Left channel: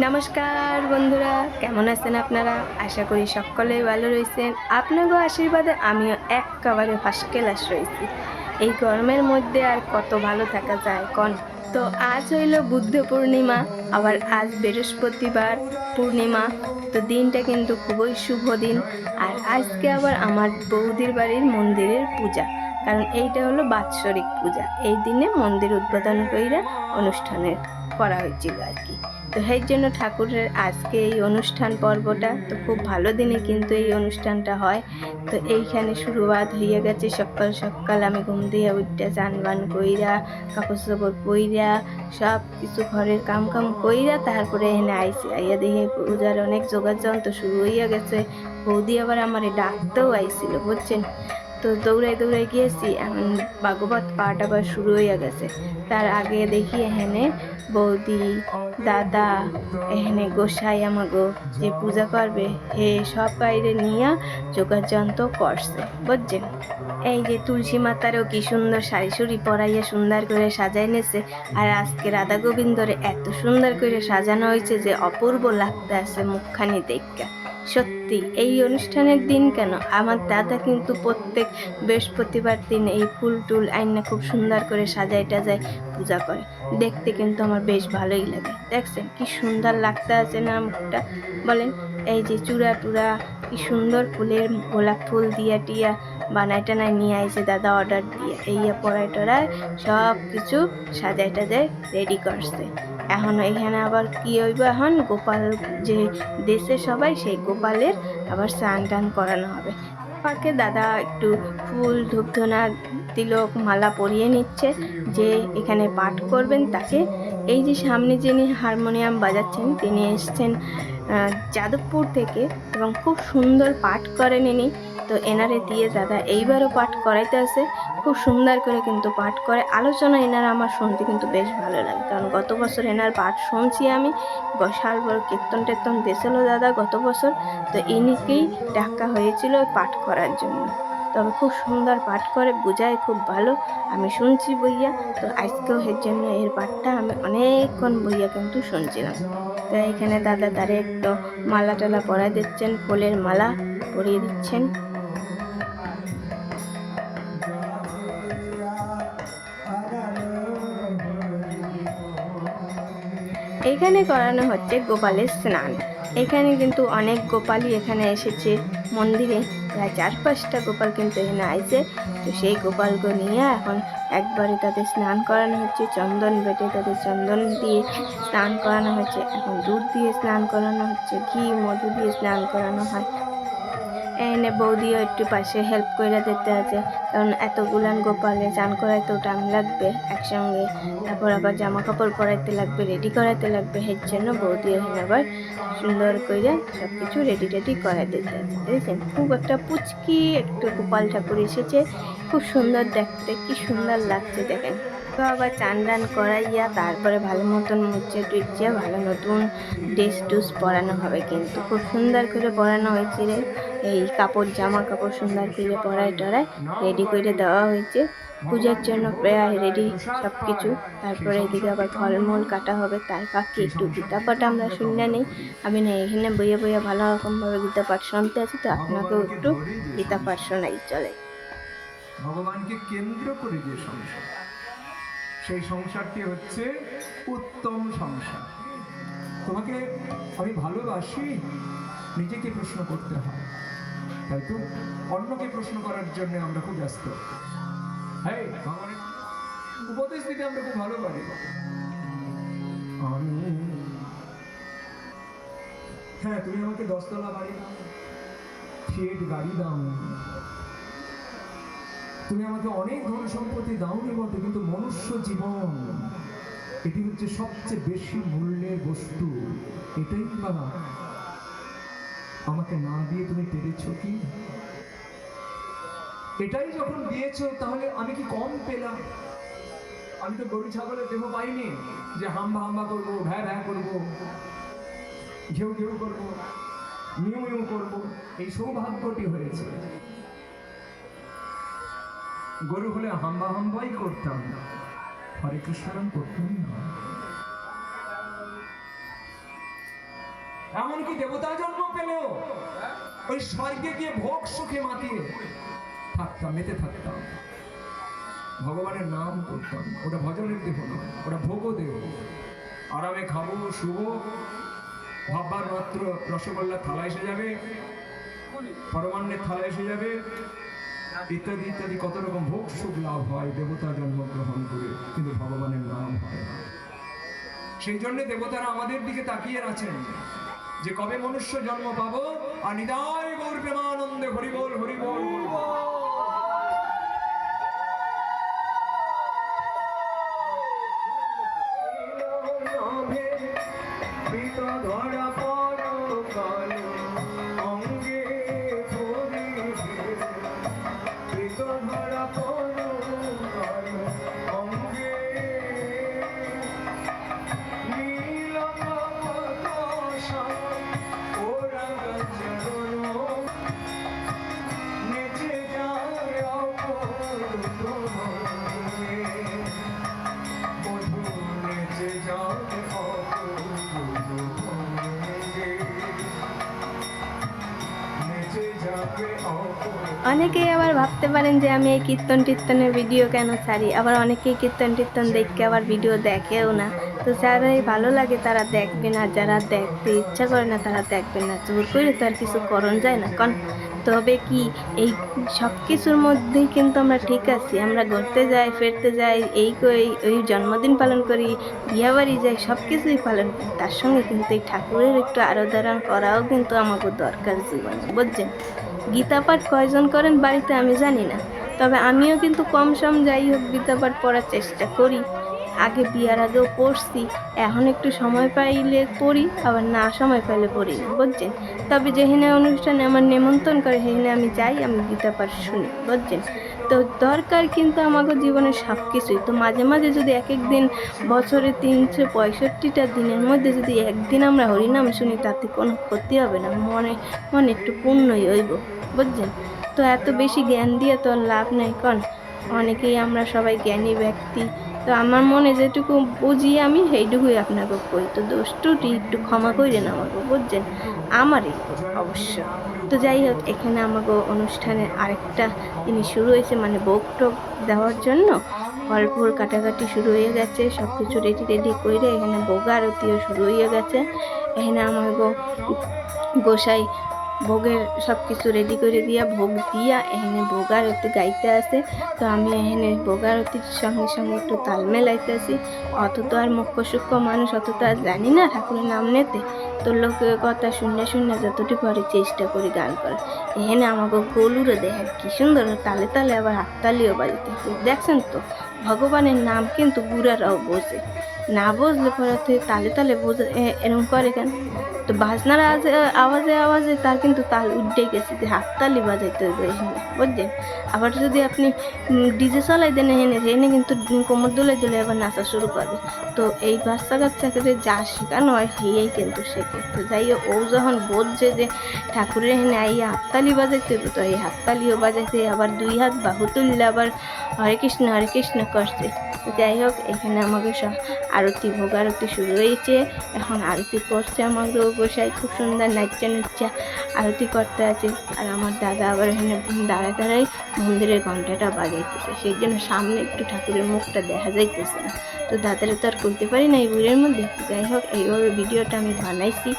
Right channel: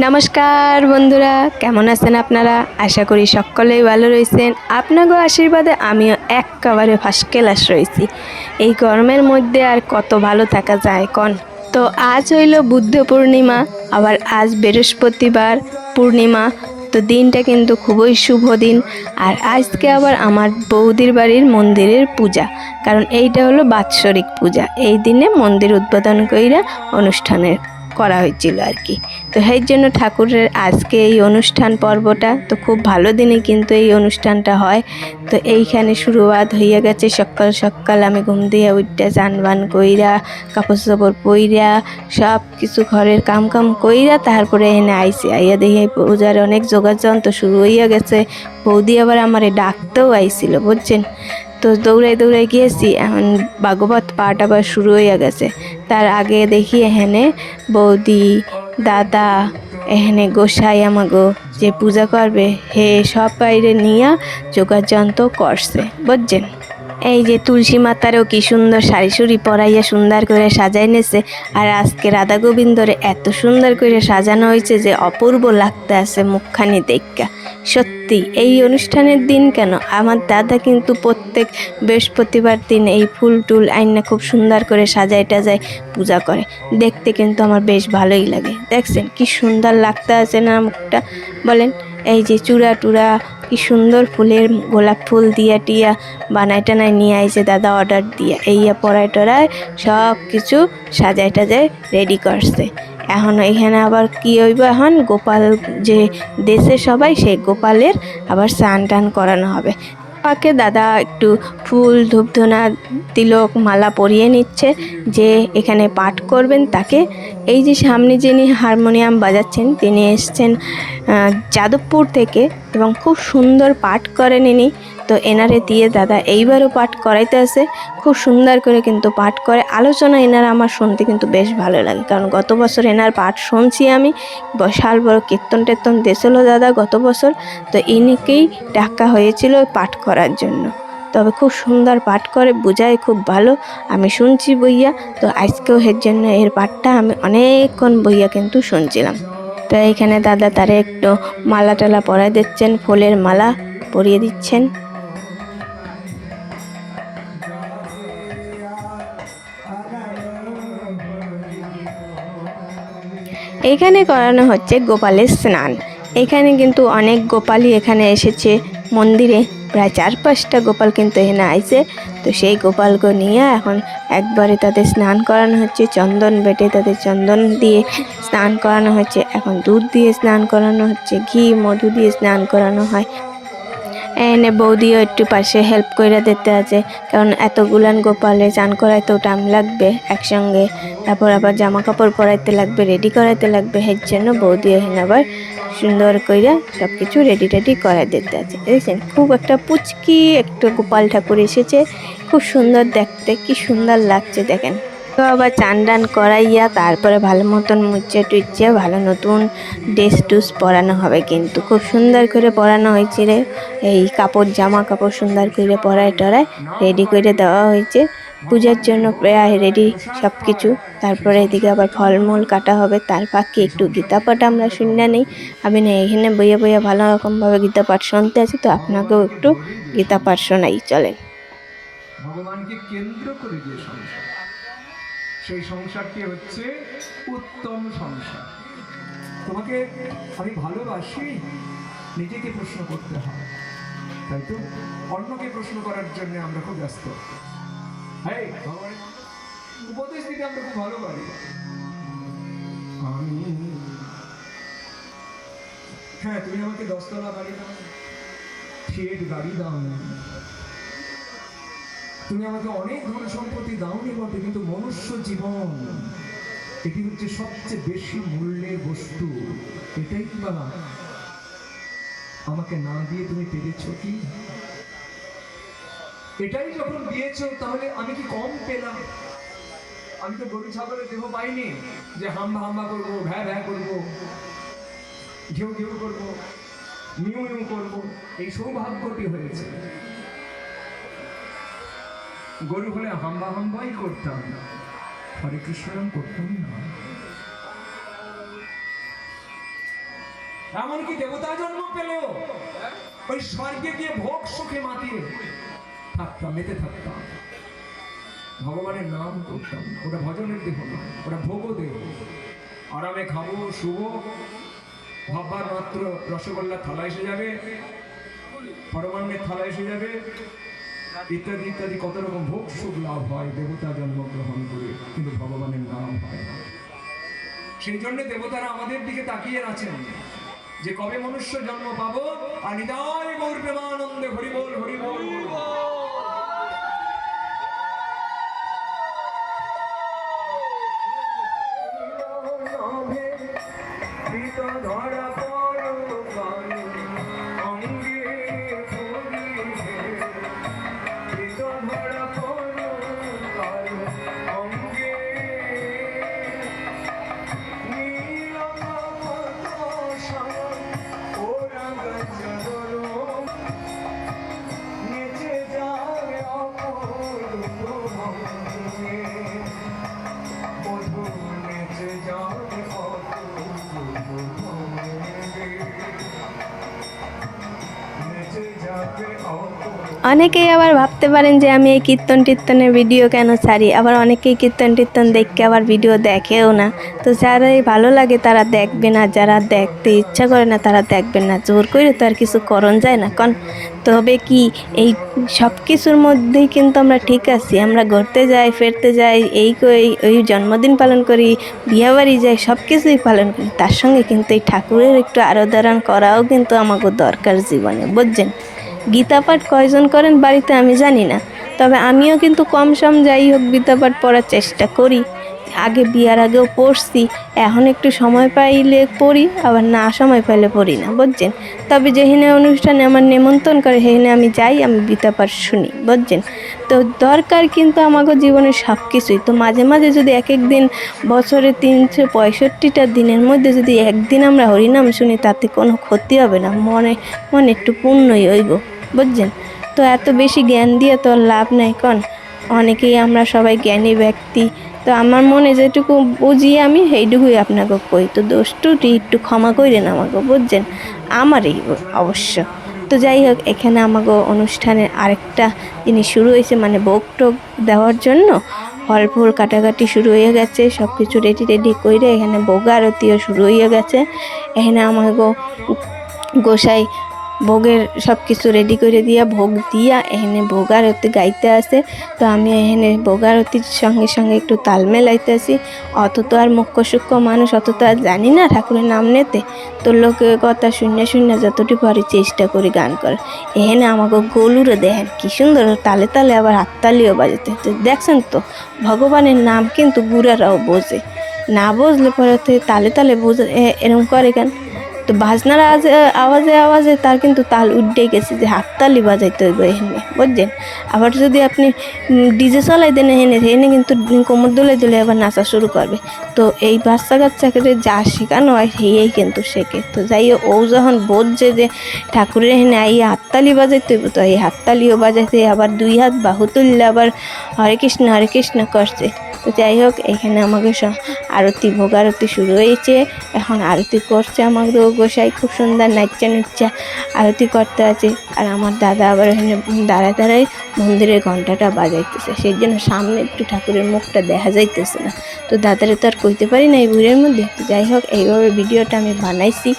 নমস্কার বন্ধুরা, কেমন আছেন আপনারা? আশা করি সকলেই ভালো রয়েছেন। আপনাদের আশীর্বাদে আমিও একেবারে ফার্স্ট ক্লাস রয়েছি। এই গরমের মধ্যে আর কত ভালো থাকা যায় কন? তো আজ হইল বুদ্ধ পূর্ণিমা, আবার আজ বৃহস্পতিবার পূর্ণিমা। তো দিনটা কিন্তু খুবই শুভ দিন। আর আজকে আবার আমার বৌদির বাড়ির মন্দিরের পূজা, কারণ এইটা হলো বাৎসরিক পূজা। এই দিনে মন্দির উদ্বোধন কইরা অনুষ্ঠানের করা হয়েছিল আর কি। তো সেই জন্য ঠাকুরের আজকে এই অনুষ্ঠান পর্বটা তো খুব ভালো দিনে কিন্তু এই অনুষ্ঠানটা হয়। তো এইখানে শুরুয়াত হইয়া গেছে, সকাল সকাল আমি ঘুম দিয়ে উঠতে চান বান কইরা কাপড় চাপড় পইরা সব কিছু ঘরের কাম কাম কইরা তারপরে এনে আইসি। আইয়া দেখি পূজার অনেক যোগাযোগ তো শুরু হইয়া গেছে। বৌদি আবার আমারে ডাকতেও আইছিল, বুঝছেন? তো দৌড়াই দৌড়াই গিয়েছি এখন ভাগবত পাঠ আবার শুরু হইয়া গেছে। তার আগে দেখি এখানে বৌদি, দাদা, এখানে গোসাই আমাগো যে পূজা করবে, হে সব বাইরে নিয়ে যোগাযন্ত করছে, বুঝছেন? এই যে তুলসী মাতারও কি সুন্দর শাড়ি সুড়ি পরাইয়া সুন্দর করে সাজাই নেছে। আর আজকে রাধা গোবিন্দরে এত সুন্দর করে সাজানো হয়েছে যে অপূর্ব লাগতে আছে মুখখানি দেখা সত্যি, এই অনুষ্ঠানের দিন কেন? আমার দাদা কিন্তু প্রত্যেক বৃহস্পতিবার দিন এই ফুল টুল আইনা খুব সুন্দর করে সাজাই টাজায় পূজা করে। দেখতে কিন্তু আমার বেশ ভালোই লাগে। দেখছেন কি সুন্দর লাগতে আছে না মুখটা? বলেন, এই যে চূড়া টুড়া কি সুন্দর ফুলের গোলাপ ফুল দিয়া টিয়া বানাই টানায় নিয়ে আইছে দাদা অর্ডার দিয়া। এইয়া পড়ায় টড়ায় সব কিছু সাজায় টাজায় রেডি করছে। এখন এখানে আবার কি হইব এখন? গোপাল যে দেশে সবাই, সেই গোপালের আবার স্নান টান করানো হবে। পাকে দাদা একটু ফুল ধূপধনা তিলক মালা পরিয়ে নিচ্ছে, যে এখানে পাঠ করবেন তাকে। এই যে সামনে যিনি হারমোনিয়াম বাজাচ্ছেন, তিনি এসছেন যাদবপুর থেকে এবং খুব সুন্দর পাঠ করেন ইনি। তো এনারে দিয়ে দাদা এইবারও পাঠ করাইতে আছে। খুব সুন্দর করে কিন্তু পাঠ করে। আলোচনা এনার আমার শুনতে কিন্তু বেশ ভালো লাগে। কারণ গত বছর এনার পাঠ শুনছি আমি। বিশাল বড় কীর্তন টের্তন দিয়েছিল দাদা গত বছর। তো ইনিকেই ডাকা হয়েছিল পাঠ করার জন্য। তবে খুব সুন্দর পাঠ করে বোঝায় খুব ভালো। আমি শুনছি বইয়া। তো আজকেও এর জন্য এর পাঠটা আমি অনেকক্ষণ বইয়া কিন্তু শুনছিলাম। তো এইখানে দাদা তারে একটু মালা টালা পরাই দিচ্ছেন, ফুলের মালা পরিয়ে দিচ্ছেন। এখানে করানো হচ্ছে গোপালের স্নান। এখানে কিন্তু অনেক গোপালই এখানে এসেছে। মন্দিরে প্রায় চার পাঁচটা গোপাল কিন্তু এখানে আইছে। তো সেই গোপালকে নিয়ে এখন একবারে তাদের স্নান করানো হচ্ছে। চন্দন বেটে তাদের চন্দন দিয়ে স্নান করানো হচ্ছে। এখন দুধ দিয়ে স্নান করানো হচ্ছে। ঘি, মধু দিয়ে স্নান করানো হয়। এনে বৌদিও একটু পাশে হেল্প করে দিতে আছে। কারণ এতগুলান গোপালে চান করাইতেও টাইম লাগবে একসঙ্গে। তারপর আবার জামা কাপড় পরাইতে লাগবে রেডি করাইতে লাগবে। এর জন্য বৌদি এখানে আবার সুন্দর কইরা সব কিছু রেডি টেডি করাই দিতে আছে। দেখছেন? খুব একটা পুচকি একটু গোপাল ঠাকুর এসেছে। খুব সুন্দর দেখতে, কি সুন্দর লাগছে দেখেন। তো আবার চান টান করাইয়া তারপরে ভালো মতন মুচ্ছে টুচ্ছে ভালো নতুন ড্রেস টুস পরানো হবে কিন্তু। খুব সুন্দর করে পরানো হয়েছে রে। এই কাপড়, জামা কাপড় সুন্দর করে পরায় টরায় রেডি করে দেওয়া হয়েছে। পূজার জন্য প্রায় রেডি সব কিছু তারপরে এদিকে আবার ফলমূল কাটা হবে। তার ফাঁকে একটু গীতা পাঠ আমরা শুনে নেই। আমি না এখানে বইয়ে বইয়ে ভালো রকমভাবে গীতা পাঠ শুনতে আছি, তো আপনাকেও একটু গীতা পাঠ শোনাই, চলেন। ভগবানকে কেন্দ্র করে যে সংসার। সেই সংসারটি হচ্ছে উত্তম সংসার। তোমাকে আমি ভালোবাসি, নিজেকে প্রশ্ন করতে হয়, তাই তো? অন্যকে প্রশ্ন করার জন্য আমরা খুব ব্যস্ত। হ্যাঁ উপদেশ দিতে আমরা খুব ভালো পারি আমি হ্যাঁ তুমি আমাকে দশতলা বাড়ি দাও থিয়েট গাড়ি দাও। তুমি আমাকে অনেক ধন সম্পত্তি দাওনি বটে, কিন্তু মনুষ্য জীবন, এটি হচ্ছে সবচেয়ে বেশি মূল্যের বস্তু। এটাই বাবা? আমাকে না দিয়ে তুমি পেরেছ কি? এটাই যখন দিয়েছ, তাহলে আমি কি কম পেলাম? আমি তো গরু, ছাগলের দেহ পাইনি যে হাম্বা হাম্বা করব, ভ্যা ভ্যা করব, ঘেউ ঘেউ করব, মিউ মিউ করব, এই সৌভাগ্যটি হয়েছে। গরু হলে হাম্বা হাম্বাই করতাম হরে কৃষ্ণ করতাম না এমনকি দেবতা জন্ম পেলেও ওই স্বর্গে গিয়ে ভোগ সুখে মাতিয়ে থাকতাম, মেতে থাকতাম। ভগবানের নাম করতাম। ওটা ভজনের দেহ না, ওটা ভোগও দেহ। আরামে খাব শুভ ভাববার মাত্র রসগোল্লা থালা এসে যাবে, পরমান্নের থালা এসে যাবে ইত্যাদি ইত্যাদি, কত রকম ভোগ সুখ লাভ হয় দেবতা জন্মগ্রহণ করে, কিন্তু ভগবানের নাম হয় না। সেই জন্য দেবতারা আমাদের দিকে তাকিয়ে আছেন যে কবে মনুষ্য জন্ম পাবো? আর নিদায় গৌর প্রেমানন্দে হরিবল হরিবল। অনেকেই আবার ভাবতে পারেন যে আমি এই কীর্তন টীর্তনের ভিডিও কেন ছাড়ি? আবার অনেকেই কীর্তন টীর্তন দেখে আবার ভিডিও দেখেও না। তো যারাই ভালো লাগে তারা দেখবে না যারা দেখতে ইচ্ছা করে না তারা দেখবেন না। জোর করে তো আর কিছু করণ যায় না। কন তবে কি এই সব কিছুর মধ্যেই কিন্তু আমরা ঠিক আছি। আমরা ঘুরতে যাই, ফিরতে যাই, এই ওই জন্মদিন পালন করি বিয়েবাড়ি যাই, সব কিছুই পালন করি। তার সঙ্গে কিন্তু এই ঠাকুরের একটু আরাধনা করাও কিন্তু আমাকে দরকার জীবনে, বুঝছেন? গীতা পাঠ কয়জন করেন বাড়িতে আমি জানি না। তবে আমিও কিন্তু কম সম যাই হোক গীতা পাঠ পড়ার চেষ্টা করি। আগে বিয়ার আগেও পড়ছি, এখন একটু সময় পাইলে পড়ি, আবার না সময় পাইলে পড়ি না, বুঝছেন? তবে যেখানে অনুষ্ঠানে আমার নেমন্তন্ন করে সেখানে আমি যাই, আমি গীতা শুনি, বুঝছেন? তো দরকার কিন্তু আমাকে জীবনের সব কিছুই তো মাঝে মাঝে যদি এক এক দিন বছরে তিনশো পঁয়ষট্টিটা দিনের মধ্যে যদি একদিন আমরা হরিনাম শুনি, তাতে কোনো ক্ষতি হবে না, মনে মনে একটু পুণ্যই হইব, বুঝছেন? তো এত বেশি জ্ঞান দিয়ে তো লাভ নাই, কন? অনেকেই আমরা সবাই জ্ঞানী ব্যক্তি। তো আমার মনে যেটুকু বুঝি আমি সেইটুকুই আপনাকে কই। তো দোষটুটি একটু ক্ষমা করেন আমাকে, বুঝছেন? আমারই অবশ্য। তো যাই হোক, এখানে আমাকে অনুষ্ঠানের আরেকটা জিনিস শুরু হয়েছে মানে ভোগ টোগ দেওয়ার জন্য। ফল ফুল কাটাকাটি শুরু হয়ে গেছে সব কিছু রেডি রেডি করে এখানে ভোগ আরতিও শুরু হয়ে গেছে। এখানে আমাকে গোসাই ভোগের সব কিছু রেডি করে দিয়া ভোগ দিয়া এখানে ভোগ আরতি গাইতে আসে। তো আমি এখানে ভোগ আরতির সঙ্গে সঙ্গে একটু তাল আসি অত তো আর মুখ্য সূক্ষ্ম মানুষ, অত তো আর জানি না ঠাকুরের নাম নিতে। তো লোকের কথা শূন্য শূন্য যতটুকু পারি চেষ্টা করি গান করার। এখানে আমাকে গলুরে দেখেন, কি সুন্দর তালে তালে আবার হাততালিও বাজাতে। তো দেখছেন তো, ভগবানের নাম কিন্তু বুড়ারাও বোঝে। না বুঝলে পরে তালে তালে বোঝে, এ- এরকম করে কেন? তো বাজনার আওয়াজে আওয়াজে তার কিন্তু তাল উঠে গেছে যে হাততালি বাজাইতে হইব এখানে বুঝছেন? আবার যদি আপনি ডিজে চলাই দেন এখানে এখানে কিন্তু কোমর দোলে দোলে আবার নাচা শুরু করবে। তো এই বাচ্চা কাচ্চাকে যা শেখানো হয় সেই কিন্তু শেখে। তো যাই ও যখন বোঝে যে ঠাকুরের এখানে এই হাততালি বাজাইতে হইব, তো এই হাততালিও বাজাইতে আবার দুই হাত বাহু তুললে আবার হরে কৃষ্ণ হরে কৃষ্ণ করছে। তো যাই হোক, এখানে আমাকে আরতি ভোগ, আরতি শুরু হয়েছে। এখন আরতি করছে আমাদের গোসাই খুব সুন্দর নাচা নুচ্চা আরতি করতে আছে। আর আমার দাদা আবার এখানে দাঁড়ায় দাঁড়ায় মন্দিরের ঘন্টাটা বাজাইতেছে। সেই জন্য সামনে একটু ঠাকুরের মুখটা দেখা যাইতেছে না। তো দাদারে তো আর কইতে পারি না এই বুড়ের মধ্যে। যাই হোক, এইভাবে ভিডিওটা আমি বানাইছি।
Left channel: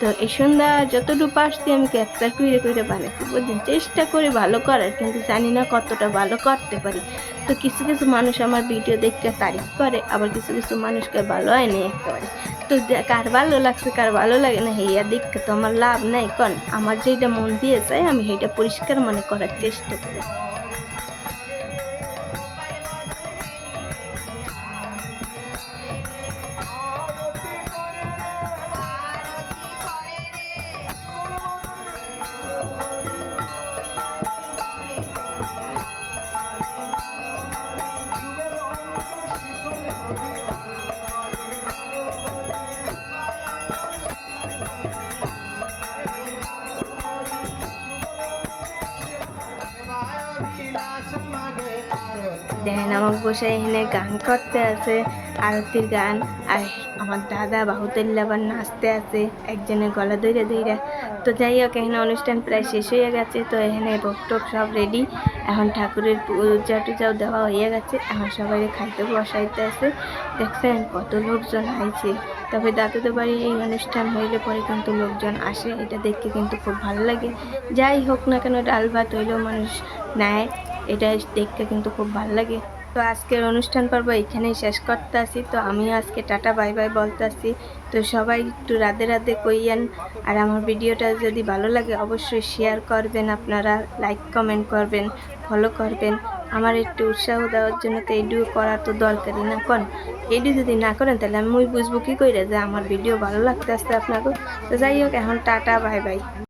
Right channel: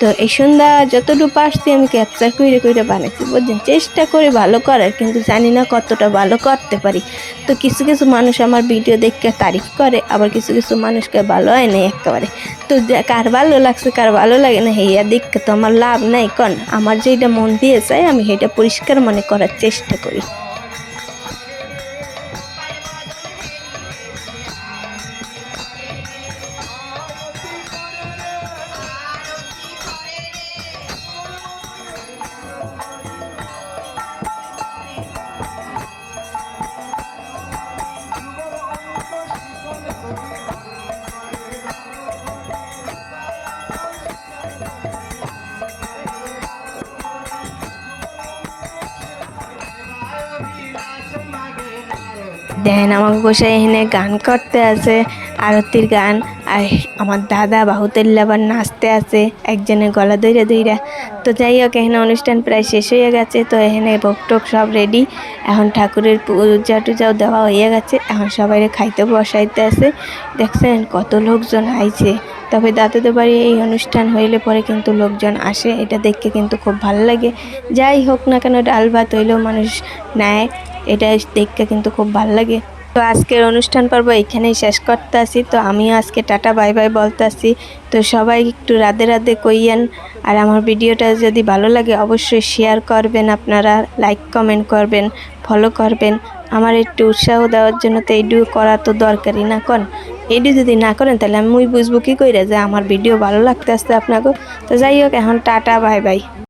তো এই সন্ধ্যা যতটুকু পারছি আমি ক্যাপচার করে করে বানাইছি, বুঝছেন? চেষ্টা করে ভালো করার, কিন্তু জানি না কতটা ভালো করতে পারি। তো কিছু কিছু মানুষ আমার ভিডিও দেখে তারিফ করে, আবার কিছু কিছু মানুষকে ভালো হয় না একেবারে। তো কার ভালো লাগছে, কার ভালো লাগে না হেয়া দেখে তো আমার লাভ নাই, কন? আমার যেটা মন দিয়ে চাই, আমি সেটা পরিষ্কার মনে করার চেষ্টা করি। দেখেন আমার গোসাই এখানে গান করতে আছে, আরতির গান, আর আমার দাদা বাহুতেল্লা আবার নাচতে আছে একজনের গলা দইরা দইরা তো যাই হোক, এখানে অনুষ্ঠান প্রায় শেষ হয়ে গেছে, তো এখানে ভোগ টোক সব রেডি এখন ঠাকুরের পূজা টুজাও দেওয়া হয়ে গেছে, এখন সবাই খাইতে বসাইতে আছে। দেখছেন কত লোকজন আইছে। তবে দাদাদের বাড়ি এই অনুষ্ঠান হইলে পরে কিন্তু লোকজন আসে, এটা দেখতে কিন্তু খুব ভালো লাগে। যাই হোক না কেন, ডাল ভাত হইলেও মানুষ নেয়। এটা দেখতে কিন্তু খুব ভালো লাগে। তো আজকের অনুষ্ঠান পর্ব এখানেই শেষ করতে আসি তো আমিও আজকে টাটা, বাই বাই বলতে আসি তো সবাই একটু রাধে রাধে কইয়েন। আর আমার ভিডিওটা যদি ভালো লাগে অবশ্যই শেয়ার করবেন আপনারা লাইক কমেন্ট করবেন ফলো করবেন। আমার একটু উৎসাহ দেওয়ার জন্য তো এইটুকু করা তো দরকারই না, কন? এইটু যদি না করেন তাহলে আমি বুঝব কী করে যে আমার ভিডিও ভালো লাগতে আসতে আপনাকে তো যাই হোক, এখন টাটা, বাই বাই।